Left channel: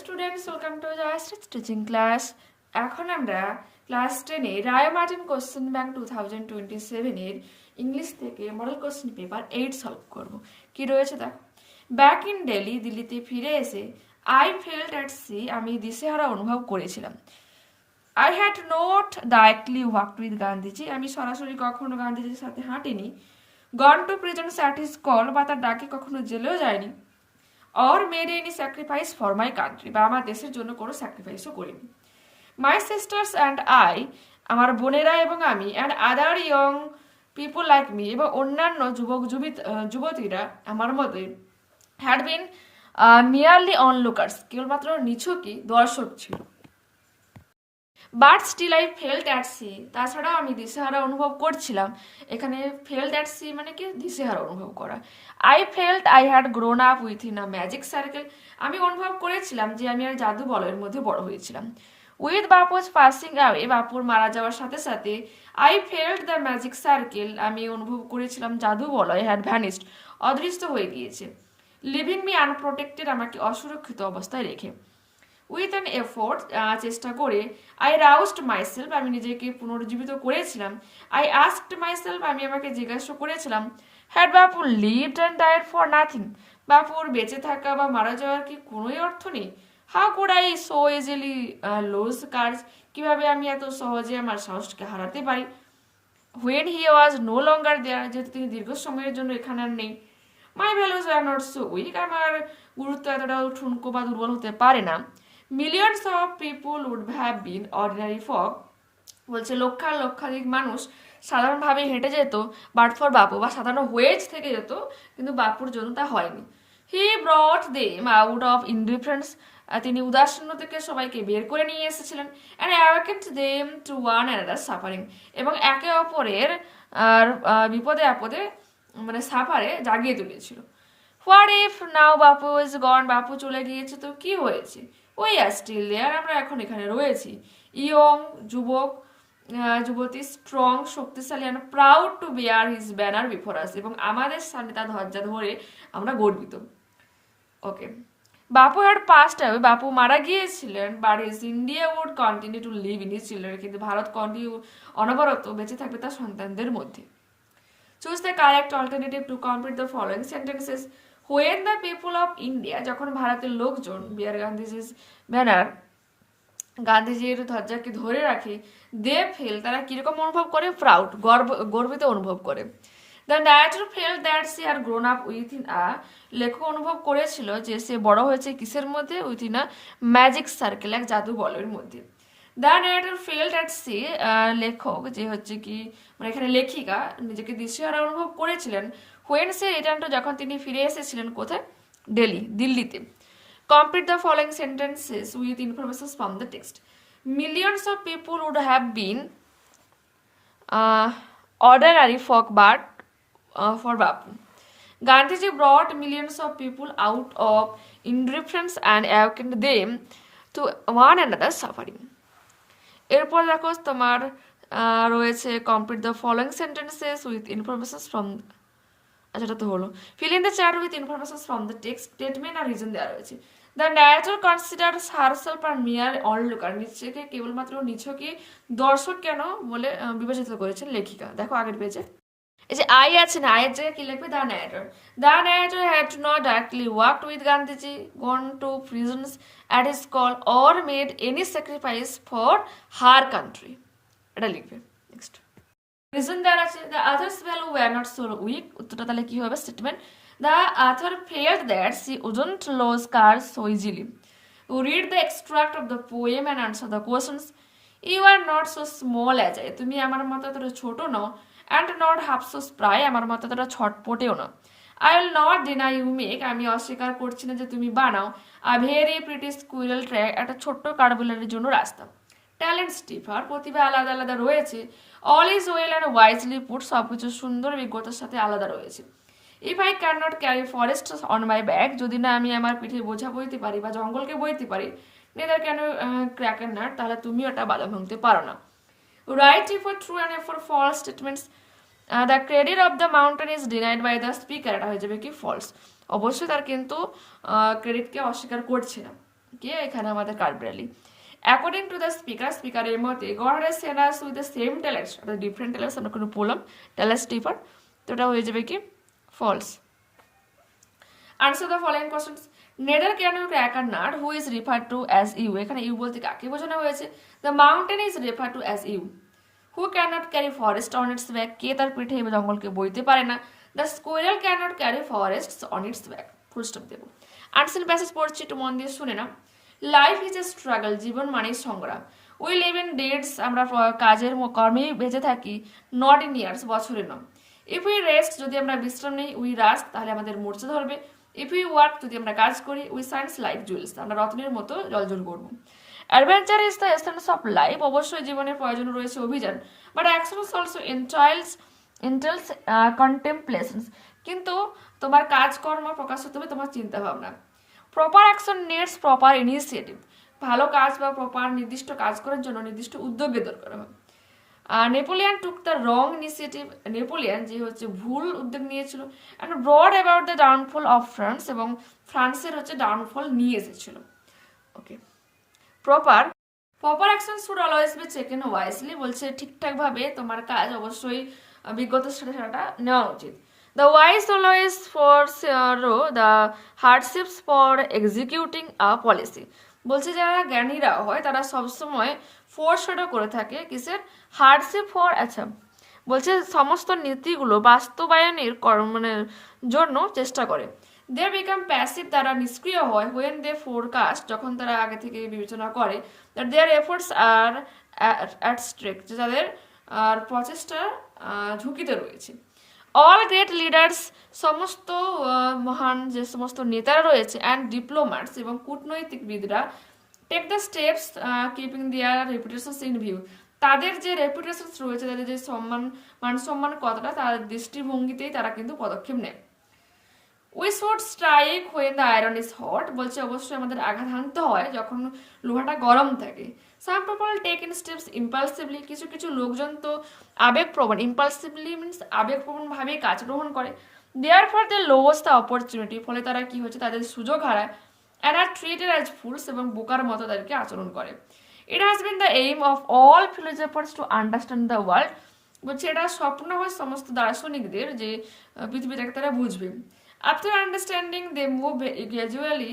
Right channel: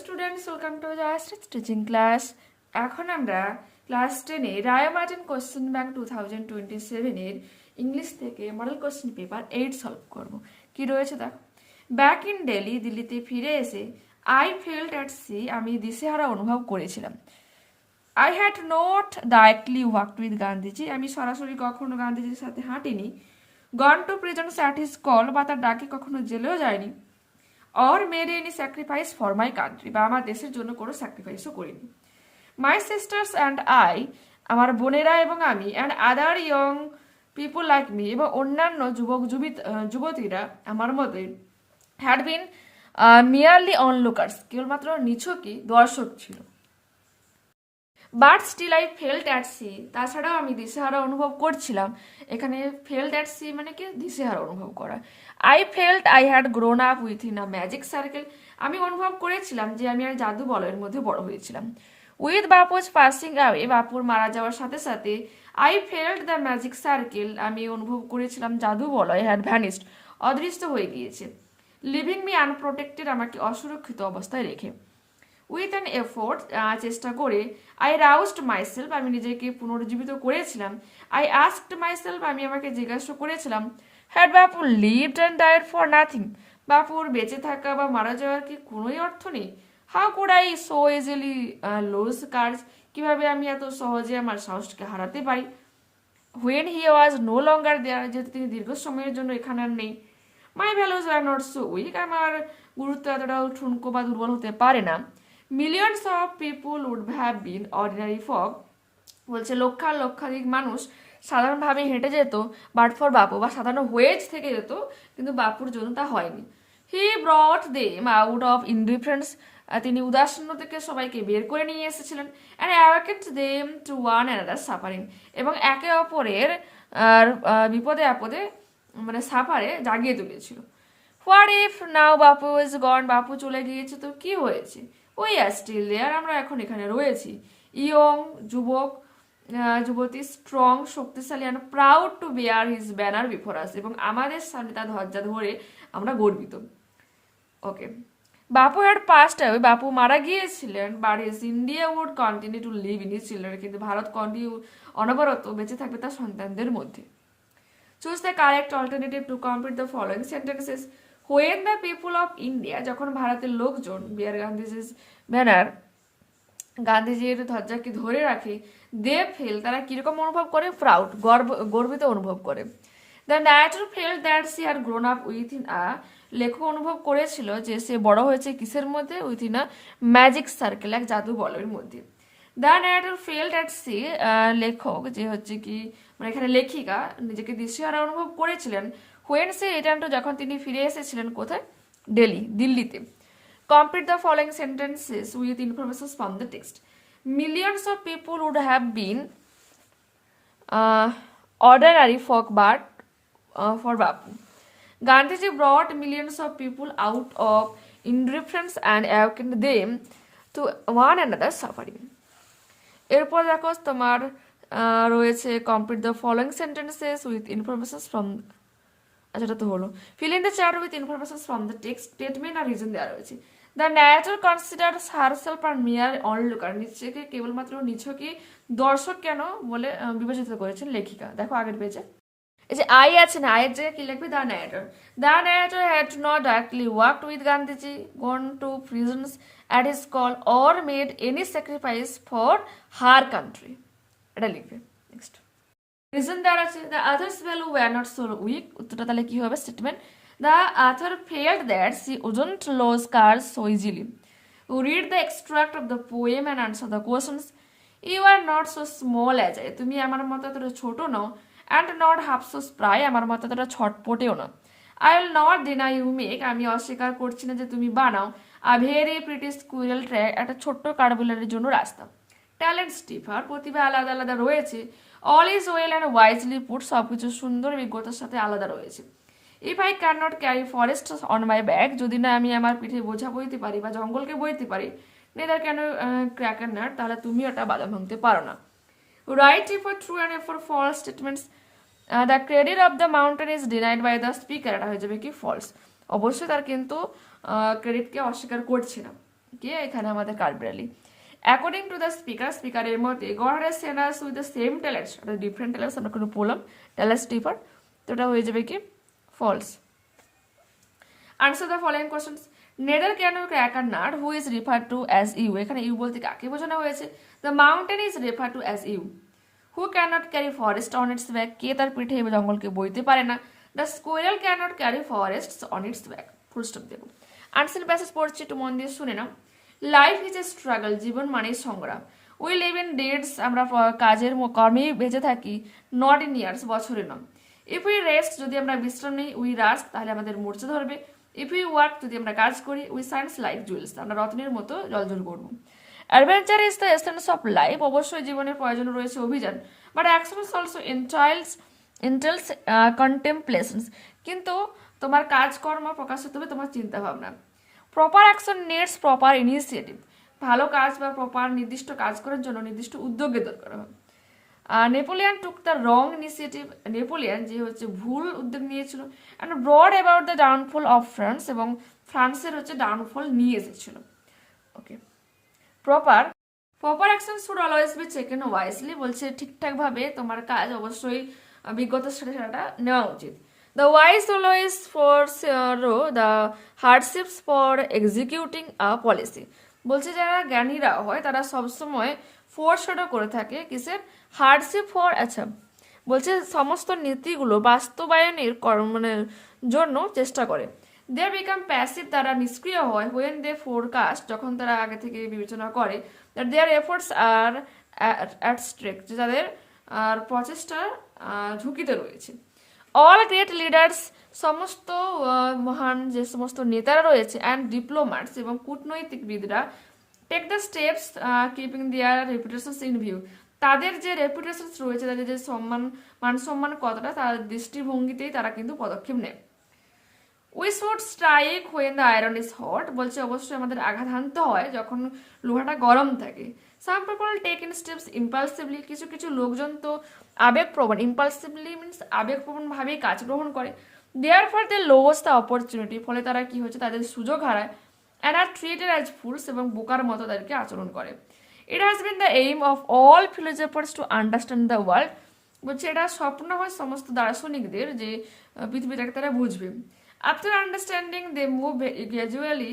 Students, welcome to Jayashri teaching class. এখন আমরা class 10 এ রায় Martin question bank 2027 এর English থেকে মডেল কোশ্চেন পেপার 8 সলভ করব। কি রয়েছে দেখো। ব্যাক ইন দিল্লি, দিল্লিতে ফিরে এসে আই ফেল্ট অ্যাট সি, আমি দিশেহারা অনুভব করেছিলাম। I had not directly worked with Gandhiji, আমি সরাসরি কখনো গান্ধীজির সাথে হাঁটিনি। Gone to prison at his call, বা তার ডাকে কখনো জেলেও যায়নি। Or made any sacrifice for my country, বা আমার দেশের জন্য কোনো স্যাক্রিফাইসও করিনি। মাই সিস্টার্স অ্যান্ড আই, আমার বোনেরা এবং আমি, and other young people like me, এবং অন্যান্য যুবতীরা আমার মতে, হ্যাড বিন মিয়ারলি অনলুকার্স, কেবলমাত্র নিছকই দর্শক ছিল। But still I felt at sea, তাছাড়াও আমি দিশেহারা অনুভব করছিলাম। এখানে ফেল্ট অ্যাট সি মানে কি দিশেহারা অনুভব করা। I felt I had grown up within a magic circle, আমি অনুভব করেছিলাম যে আমি আর জাদু বলয়ের মধ্যে বড় হয়েছিলাম। উইথ বাপুজ পাসিং অ্যাওয়ে, বাপুর মারা যাওয়ার সাথে সাথে, I felt the magic circle, আমি অনুভব করেছিলাম জাদু বলয় হ্যাড ভ্যানিস্ট, অদৃশ্য হয়ে গিয়েছে। লিভিং মি আনপ্রোটেক্টেড, আমাকে অসুরক্ষিত অবস্থায় রেখে। উইথ অ্যান এফোর্ট, চেষ্টা করে। আই রাউস্ড মাইসেলফ, আমি নিজেকে পুনরুজ্জীবিত করেছিলাম। আই আস্কড মাইসেলফ, আমি আমাকে জিজ্ঞাসা করেছিলাম, had Bapu lived and died for nothing, বাপুর বেঁচে থাকা বা মারা যাওয়ার কি কোনোই অর্থ নেই। How could I so easily lose cards, কিভাবে আমি এত সহজে আমার সাহসকে হারাতে পারি। When he was no longer দেয়ার, যেহেতু তিনি দীর্ঘ সময়ের জন্য এখানে আর নেই। My values are not so weak, আমার গুরুত্ব এতটাও ঠুনকো বা দুর্বল হতে পারে না। Millions of people would have been ordinary folk, বলছে লক্ষাধিক মানুষ সাধারণভাবে হেঁটে যেত, বাট ফর বাপু, বা সাধারণ ওয়েজ থেকে যেত, কিন্তু বাপুর জন্য তা হয়নি। He brought them out of indifference, তিনি উদাসীন্য থেকে সবাইকে বের করে নিয়ে এসেছিলেন। And awakened them to one another suffering, এবং একে অপরের বিপদে আপদে মানে সাফারে জাগিয়ে তুলেছিল। What if now Bapu is গন, বাপু চলে গিয়েছে তো কি হয়েছে। উই আর স্টিল দেয়ার, আমরা এখন এখানে রয়েছি। ইয়ং যুবক, যুবতী, স্ট্রং শক্তিশালী, and proud to bear his banner before us, এবং আমাদের সামনে তার ধ্বজা ধরে আমরা গর্বিত। ওকে, বাপু হ্যাড পাস্ট অ্যাওয়ে, বাপু মারা গিয়েছিলেন। But his India would continue to live in his children, কিন্তু ভারত কন্টিনিউ অনবরত বেঁচে থাকবে তার সন্তানদের মধ্যে। Choose the correct alternative to complete the following sentences. When the people of India, যখন ভারতের লোকজন বিয়ার গান্ধীজির ব্যানার, গান্ধীজির ধ্বজাকে ধরে রাখে, দে ফিল, তারা কিরকম অনুভব করে, প্রাউড, গর্বিত অনুভব করে। The narrator feel that she are grown up within a, লেখক অনুভব করেছিল যে সে বড় হয়েছে কিসের মধ্যে, within a magic circle, এক জাদু বলয়ের মধ্যে। The narrator feel that she, লেখক যে হচ্ছে কি মানে এখানে লেখিকা নিজেকে দিশেহারা অনুভব করেছিলেন। হোয়েন সে রিটার্ন টু, যখন তিনি ফিরে এসেছিলেন কোথায়, দিল্লিতে। Complete the following sentences with information from the text. Millions of people would have been ordinary folk but for Bapu. Gandhiji brought millions of people out of indifference and awakened them to one another suffering. এরপর দেখো তোমার রয়েছে complete the following sentences with information from, আচ্ছা এটা তো হলো। Fill in the chat with information from the text, statement আর reason দেওয়া রয়েছে। The narrator considers herself a mere onlooker, নিজেকে কেবলমাত্র নিছকই দর্শক কেন বলে বিবেচিত করেছেন লেখিকা। দেখো আগের পেজে এই যে আই আছে না, আয়ের জায়গায় কি লিখবে, the narrator had not directly worked with Gandhiji, gone to prisons at his call, or made any sacrifice for her country, এটা লিখবে। নেক্সট রিজন দেওয়া আছে, the others value were not so week, উত্তরটা তাহলে কি হবে, statement. The author felt that she wouldn't lose cards so easily. You read the extract of the poem and answer the questions. You are not so small as I, তুমি আমার মতো এতটা ছোট নও, and not half so spry, আমার মতো এতটা ছটপটেও না। I will not deny you make, আমি অস্বীকার করছি না যে তুমি বানাও, a very pretty squirrel track, একটা ছোট্ট কাঠবিড়ালির জন্য রাস্তা। ট্যালেন্ট স্টিফার, প্রতিভা আলাদা আলাদা রয়েছে। All is well and wisely put, সবকিছু সুন্দর বিজ্ঞতার সাথে আলাদা রয়েছে। If I can not carry forest on my back, যদি না আমি আমার পিঠে বোঝা বইতে পারি বা জঙ্গলকে বইতে পারি, নেদার ক্যান ক্র্যাক নাট, তাহলে তুমি ওটা বাধা ভাঙতে পারো না। Write if for true and for false statements. The credit of the mountain is denied by the speaker, এটা হয়ে যাবে কি ফলস, অবশ্যই তার কিন্তু ক্রেডিটকে অস্বীকার করছে না। কে এখানে আমাদের কার্বরালি। অ্যাকর্ডিং টু দ্য স্পিকারের মতে god has Saint us with the same talents, different talents আমরা কোনো বললাম, ট্যালেন্টস ডিফার, তো এটা হয়ে যাবে কি false. Answer the following questions. Neither can you crack a nut who is refer to as you, এখানে ইউ বলতে কাকে বোঝানো হয়েছে? The mountain is refer to as you. Who can not carry forest on its back, কে তার পিঠে জঙ্গলকে বইতে পারে না? The squirrel can not carry forest on its back. Full stop দেবো। আনসার প্যাসেজ পড়ছি, একটু মন দিয়ে শুনে না। লাইফ ইজ এ স্ট্রাগল, জীবন মানেই সংগ্রাম। উই লিভ ইন ডেটস, আমরা কাজের কর্মেই বেঁচে থাকি, নট ইন ইয়ার্স, বছরে নয়। ইফ উই রেস্ট, যদি আমরা বিশ্রাম নিই, উই রাস্ট, তাহলে আমাদের মূর্ছা ধরবে। ইফ উই ওয়ার্ক, যদি আমরা কাজ করি, উই সাইন্স লাইফ জুয়েলস, আমরা রত্নের মতো জলজল করবো। Adventure is the essence of life, অবশ্যই জীবনের প্রয়োজন রয়েছে অভিযান, বাট অ্যাকশন অলসো ইন্টেলস কন্টেম্পলেশনস, কিন্তু তোমার কাজকর্ম প্রকাশিত হবে তোমার চিন্তা ভাবনা। Proper action needs proper initiative, ভালো কাজ বা প্রপার নির্দিষ্ট কাজ করার জন্য নির্দিষ্ট উদ্যোগের দরকার হয়। Napoleon took the wrong initiative, Napoleon যে হচ্ছে ভুল উদ্যোগ নিয়েছিল। And brought about the downfall of France, এবং ফ্রান্সের হচ্ছে ডাউনফল নিয়ে এসেছিল। Okay, proper action should always be taken wisely, বলছে ঠিকঠাকভাবে তোমার কাজ অবশ্যই বিজ্ঞতার সাথে সেটা নেওয়া উচিত। The wise always for the hardships for executing a policy, বলছে যারা জ্ঞানীরা হয় তারা সবসময় ফোরশ্যাডো করে থাকে কিসের? হার্ডশিপ ফর, আচ্ছা বলছে সমস্ত নীতিগুলো বাস্তবায়নের মানে জন্য চেষ্টা করে। দে বিকাম প্যাসিভ, তারা নিষ্ক্রিয় হয়। হোয়েন দে ফোরকাস্ট, যখন তারা আগে থেকে বিবেচনা করে। That their efforts are at stake, তাদের আর প্রচেষ্টা ঝুঁকিতে রয়েছে। অল গ্রেট লিডার্স, সমস্ত মহান যে সমস্ত নেতারা রয়েছে, অ্যান্ড ডিপ্লোম্যাটস, এবং কূটনৈতিকবিদরা, take the steps keeping their reputations in view, তাদের যে রেপুটেশনস রয়েছে, তাদের যে মান সম্মান কতটা, তার দৃষ্টিভঙ্গিতেই তারা কিন্তু পদক্ষেপ নেয়। We should strike when the iron is hot, বলছে অবশ্যই আমাদের আঘাত হানতে হয় যখন লোহাটা গরম থাকে। Some people take in steps impulsively, কিছু কিছু লোকজন তো আবেগপ্রবণ, ইম্পালসিভলি মিনস আবেগপ্রবণভাবে কাজ গ্রহণ করে। Therefore they lose the opportunity, ফলে তারা কি হচ্ছে তাদের সুযোগ হারায়। And are treated as fools, এবং বোকার মতো তাদেরকে আচরণ করে। It has been the aim of all philosophers to understand the world, বলছে এটা স্বপ্ন হয় সমস্ত দার্শনিকদের যে পৃথিবীটাকে তারা বুঝবে। After understanding they move gradually,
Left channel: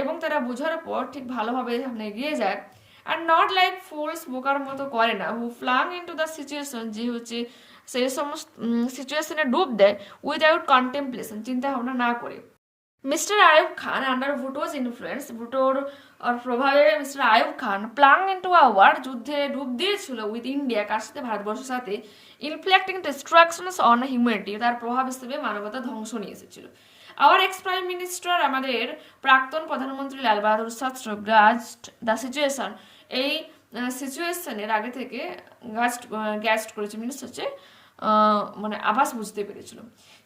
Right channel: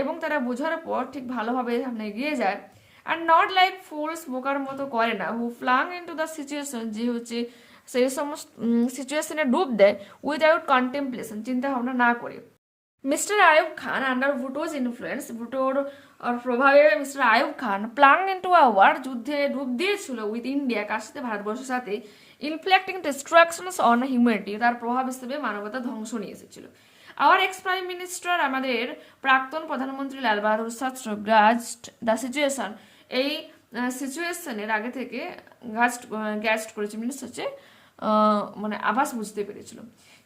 এবং তারা বোঝার পর ঠিক ভালোভাবে সামনে এগিয়ে যায়। অ্যান্ড নট লাইক ফুলস, বোকার মতো করে না। হু ফ্লাং ইনটু দ্য সিচুয়েশন, যে হচ্ছে সেই সমস্ত সিচুয়েশনে ডুব দেয় উইদাউট কন্টেম্পলেশন, চিন্তা ভাবনা না করে। Mister Ayub Khan, under Bhutto's influence, ভুটোর প্রভাবে mister Ayub Khan plunge into a war, যুদ্ধে ডুব দিয়েছিল উইথ ইন্ডিয়া, কার সাথে? ভারতবর্ষের সাথে। ইনফ্লিক্টিং ডিস্ট্রাকশনস অন হিউম্যানিটি, তার প্রভাব হিসেবে মানবতা ধ্বংস নিয়ে এসেছিল। আওয়ার এক্স প্রাইম মিনিস্টার, আমাদের প্রাক্তন প্রধানমন্ত্রী লাল বাহাদুর শাস্ত্রী, গ্রাস্ট দ্য সিচুয়েশন, এই সিচুয়েশনের আগে থেকে গ্যাস্ট করেছে, মিনস হচ্ছে মানে আভাস বুঝতে পেরেছিল।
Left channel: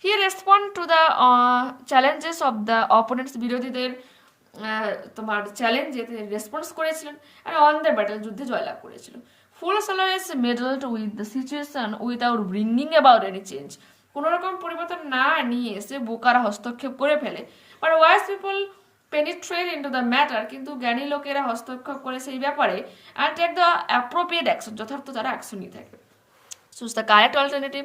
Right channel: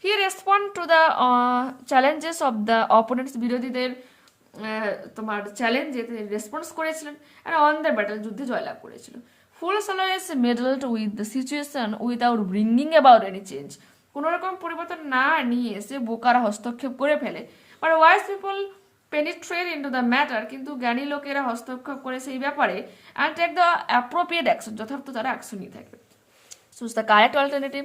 He respond to the challenges of the opponents, বিরোধীদের তোমার চ্যালেঞ্জে তিনি রেসপন্স করেছিলেন। অ্যান্ড অন দ্য ব্যাটল, যুদ্ধে জয়লাভ করেছিল। Fools always meddled with the situation without bringing about any change, কোনো রকম পরিবর্তন না নিয়ে এসে বোকারা হস্তক্ষেপ করে ফেলে। But wise people penetrate into the matter, কিন্তু জ্ঞানী লোকেরা হস্তক্ষেপ করে সেই ব্যাপারে। And take the appropriate action, যথার্থ তারা অ্যাকশন নিয়ে থাকে। Choose the correct alternative.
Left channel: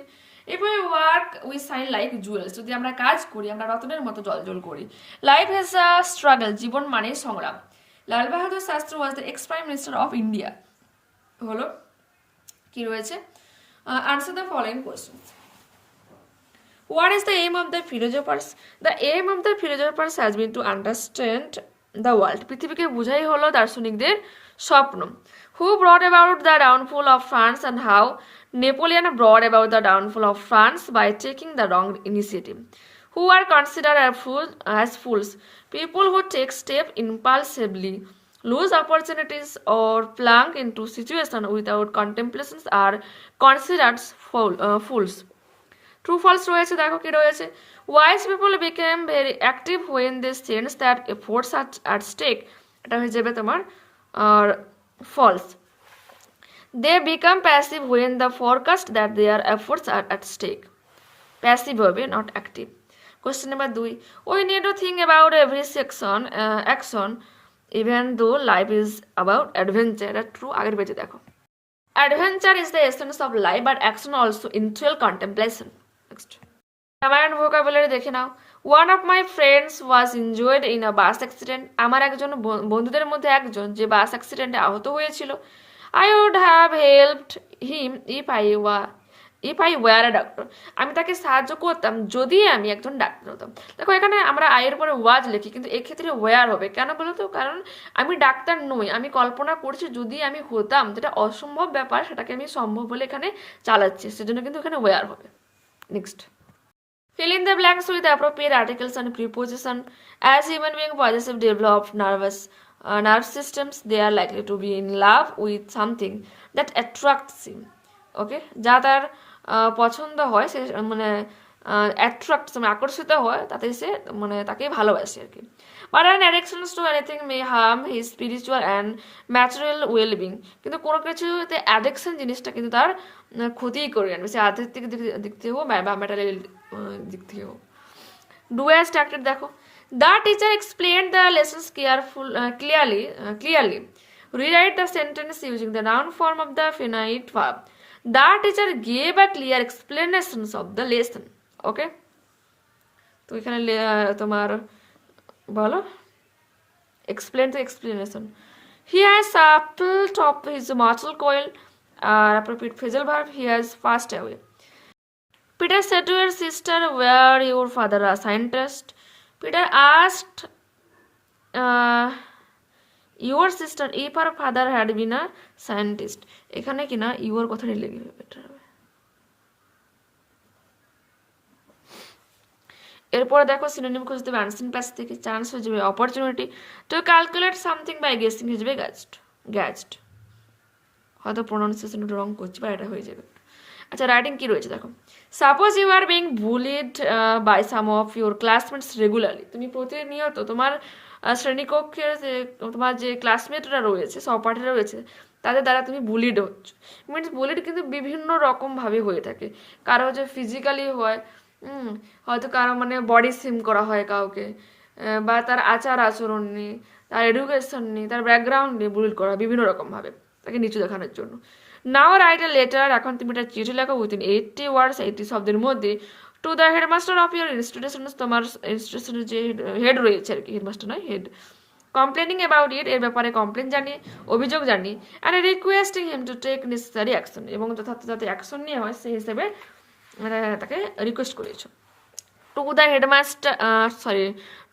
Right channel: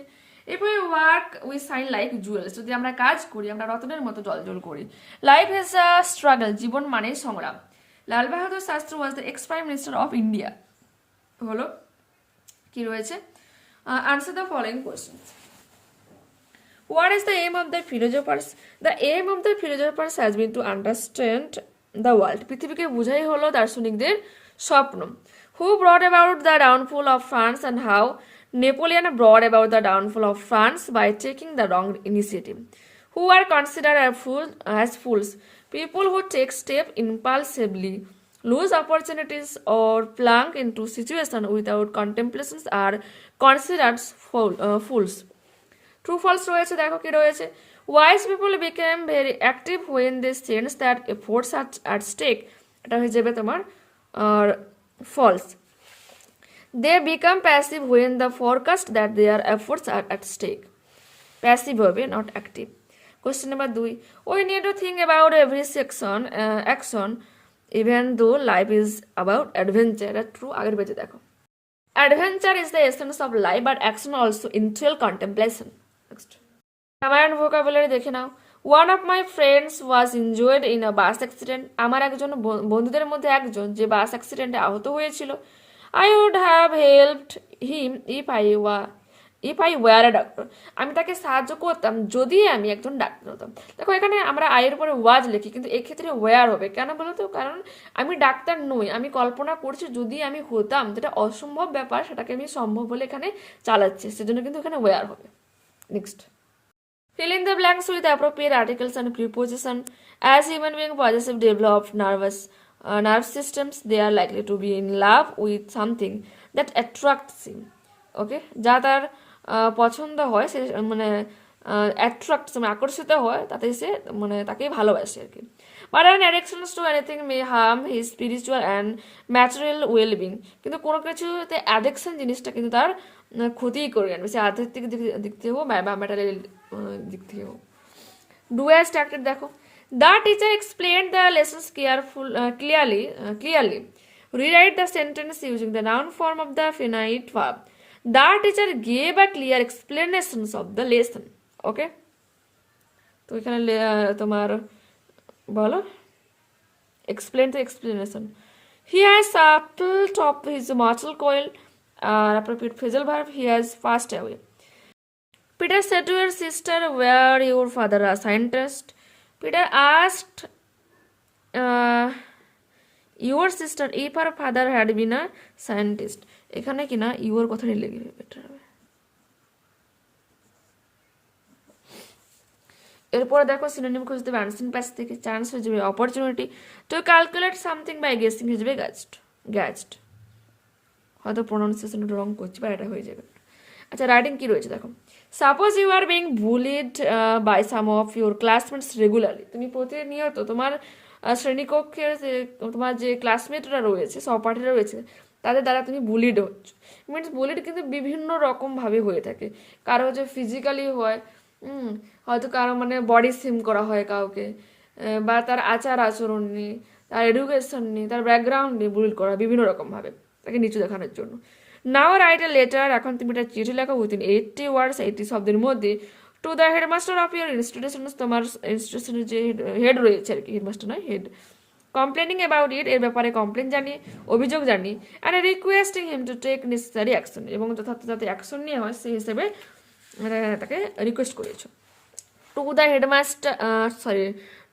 If we work we shine like jewels, যদি আমরা কাজ করি আমরা রতনের মতো জলজল করি। লাইফ হ্যাজ আ স্ট্রাগল, জীবন মানে সংগ্রাম। Lal Bahadur Shastri was the ex prime minister of India, হলো কি রয়েছে? Answer the following questions. What is the aim of the philosophers? The aim of the philosophers has been to understand the world. পৃথিবীকে বোঝাই হলো দার্শনিকদের স্বপ্ন। Who brought about the downfall of France, and how Napoleon brought about the downfall of France by taking the wrong initiative. Who are considered as fools? People who take steps impulsively, lose opportunities, or plunge into situations without contemplations are considered fools. True false রয়েছে, দেখো কি রয়েছে। Wise people became very active when they sense that efforts at stake, এটা হয়ে যাবে তোমার আর false. They become passive when the forecast that their efforts are at stake, passive হবে not active. Question number 2, we need to think about every action even though life is about adventure. এটা true. আগের পেজে দেখো, adventure is the essence of life but action also entail contemplation. Next, আমার vocabulary দেখে নাও। One of my friends was injured in a bus accident. আমার একজন বন্ধুদের মধ্যে একজন যে বাস অ্যাক্সিডেন্টে আহত হয়েছিল। I would have helped him if I were a doctor. আমি তাকে সাহায্য করতাম যদি আমি একজন ডাক্তার হতাম। দেখো এখানে আমরা আয়ের পরে ওয়াজ লিখি, কিন্তু এক্ষেত্রে ওয়ার হবে কেন বলো তো? কারণ আমি ডাক্তার নই, আমি কল্পনা করছি যদি আমি হতাম, যেটা অসম্ভব ব্যাপার সেটাকে আমি সম্ভব বলে এখানে চালাচ্ছি, সেজন্য কিন্তু এখানে ওয়ার হবে। Next, fill in the blanks with appropriate articles and preposition. As human beings possessive developed nerve systems, they are likely to be in love with something that attracts him. ওকে, যা তার পছন্দ হয়, সে মানে অ্যাট্রাক্ট মানে আকর্ষিত হয়, তাতে সে মানে তাকেই ভালোবাসে আর কি। But an অ্যাডিকশনস two anything May harm his spiritual and material wellbeing. কিন্তু কোনো কিছুতে অ্যাডিকশন জিনিসটা কিন্তু তার ক্ষতিই করে আনবে, সে আধ্যাত্মিক দিক থেকে হোক বা ম্যাটেরিয়াল দিক থেকে হোক। ডু অ্যাজ স্ট্রাকচার দেখো, the teacher explain the lessons clearly rewrite the sentence using the noun form of the finite verb. The teacher gave a clear explanations of the lesson. Okay, তো এখানে তোমার বলো explain the explanation. He has upped of his mortal coil. Appropriate phrasal verb, he has passed away. Peter said to her sister, were your father a scientist? Peter asked your sister if her father had been a scientist. এখানে কিনা your কথা লিখবে, better হবে। এরপরে দেখো synonym খুঁজতে হবে unseen প্যাচ থেকে। চান্স হয়ে যাবে opportunity. To calculate something by guessing হয়ে যাবে গ্যাজড। হয়তো প্রোনাউন্সিয়েশন রং করছি বা এটা হয়ে যাবে। আচ্ছা, রাইটিং কি রয়েছে দেখো। Suppose you are being bullied by some of your classmates regularly. তুমি প্রতিনিয়ত তোমার শ্রেণীকক্ষের তোমার যে ক্লাসমেটরা রয়েছে, সহপাঠীরা রয়েছে, তাদের দ্বারা তুমি বুলিড হচ্ছ। মিনস বুলিড কিন্তু বিভিন্ন রকমভাবে হয়ে থাকে। কারো হচ্ছে ফিজিক্যালি হয়, হয়তো কারো মানে বডি সেম করা হয় কাউকে, বা তার আচার আচরণ নিয়ে, তার এডুকেশন নিয়ে, তার ব্যাকগ্রাউন্ড নিয়ে বুলিড করা বিভিন্ন রকমভাবে, তাকে নিচু দেখানোর জন্য। নাও রাইট এ লেটার, এখন তুমি একটা চিঠি লেখো উইথিন 80 ওয়ার্ডস, 80 শব্দের মধ্যে, to the headmaster of your institution, তোমার ইনস্টিটিউশনের যে হেড রয়েছে আর কি, হেডমাস্টার নয় হেড, কমপ্লেনিং অ্যাবাউট ইট, এর ব্যাপারে কমপ্লেন জানিয়ে, অভিযোগ জানিয়ে, and requesting him to take necessary action, এবং যথার্থ যাতে অ্যাকশন নিয়ে হয় সেই হিসেবে মানে তাকে রিকোয়েস্ট করেছো। To the headmaster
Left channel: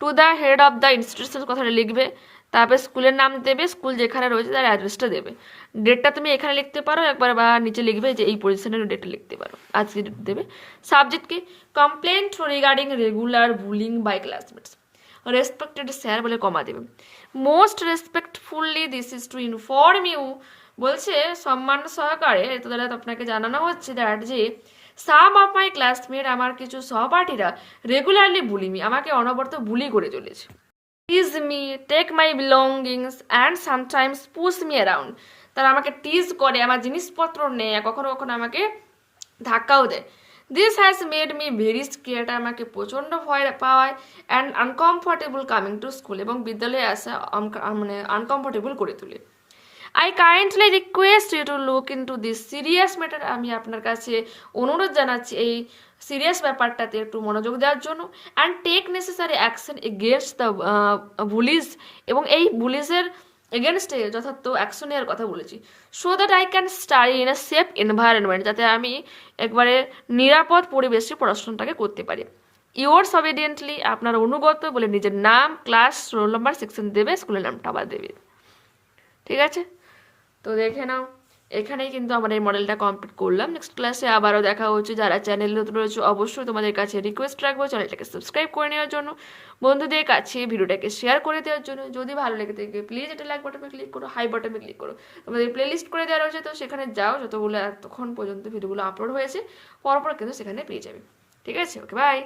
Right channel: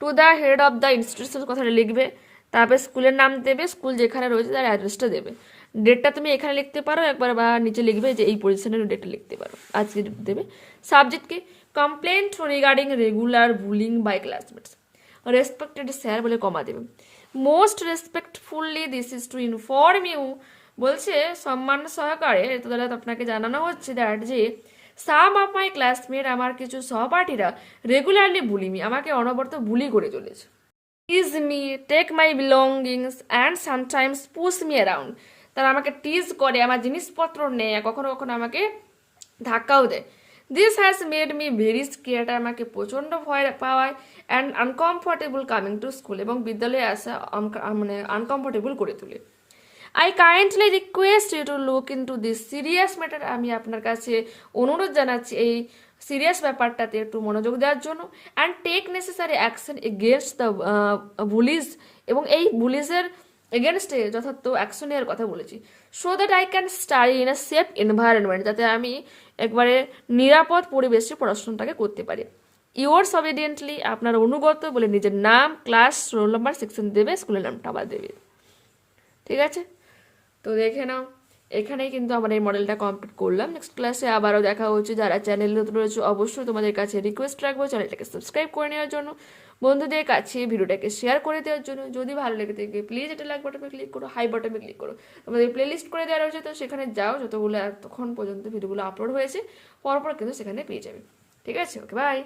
to the head of the institution কথাটা লিখবে, তারপরে স্কুলের নাম দেবে, স্কুল যেখানে রয়েছে তার অ্যাড্রেসটা দেবে। ডেটটা তুমি এখানে লিখতে পারো একবার, বা নিচে লিখবে যে এই পজিশনের ডেটটা লিখতে পারো, আজকে ডেট দেবে। সাবজেক্টকে complaint regarding regular bullying by classmates, respected sir বলে কমা দেবে। Most respectfully this is to inform you, বলছে সম্মান সহকারে এটা দ্বারা আপনাকে জানানো হচ্ছে দ্যাট যে সাম অফ মাই ক্লাসমেট, আমার কিছু সহপাঠীরা রেগুলারলি বুলি মি, আমাকে অনবরত বুলি করে চলেছে। Tease me, take my belongings and sometimes push me around, তারা আমাকে টিজ করে, আমার জিনিসপত্র নেয়, কখনো কখনো আমাকে ধাক্কাও দেয়। This has made me very scared, আমাকে প্রচণ্ড ভয় পাওয়ায়, and uncomfortable coming to school, এবং বিদ্যালয়ে আসা মানে আনকমফর্টেবল করে তোলে। I kindly request you to look into this serious matter, আমি আপনার কাছে অনুরোধ জানাচ্ছি এই সিরিয়াস ব্যাপারটাতে একটু মনোযোগ দেওয়ার জন্য। And take necessary action against the bullies, এবং এই বুলিজের এগেনস্টে যথার্থ অ্যাকশন নেওয়ার কথা বলেছি। So that I can study in a safe environment, যাতে আমি একবারে নিরাপদ পরিবেশে পড়াশোনাটাকে করতে পারি। ইয়োর্স অবিডিয়েন্টলি, আপনার অনুগত বলে নিজের নাম, ক্লাস, রোল নাম্বার, সেকশন দেবে, স্কুলের নামটা আবার দেবে। ঠিক আছে, তো দেখে নাও এখানেই কিন্তু আমরা এই মডেলটা কমপ্লিট করলাম। নেক্সট ক্লাসে আবারও দেখা হচ্ছে। যারা চ্যানেল নতুন রয়েছে অবশ্যই তোমাদের কাছে রিকোয়েস্ট রাখবো চ্যানেলটাকে সাবস্ক্রাইব করে নেওয়ার জন্য, বন্ধুদের কাছে ভিডিওটাকে শেয়ার করে দেওয়ার জন্য। যদি ভালো লেগে থাকে প্লিজ এটা লাইক বাটনে ক্লিক করো, হাই বাটনে ক্লিক করো। তোমাদের প্লেলিস্ট করে দেওয়া রয়েছে, তো সেখানে যাও, যতগুলো এতক্ষণ পর্যন্ত ভিডিওগুলো আপলোড হয়েছে পরপর কিন্তু সেখানে পেয়ে যাবে। ঠিক আছে, ওকে বাই।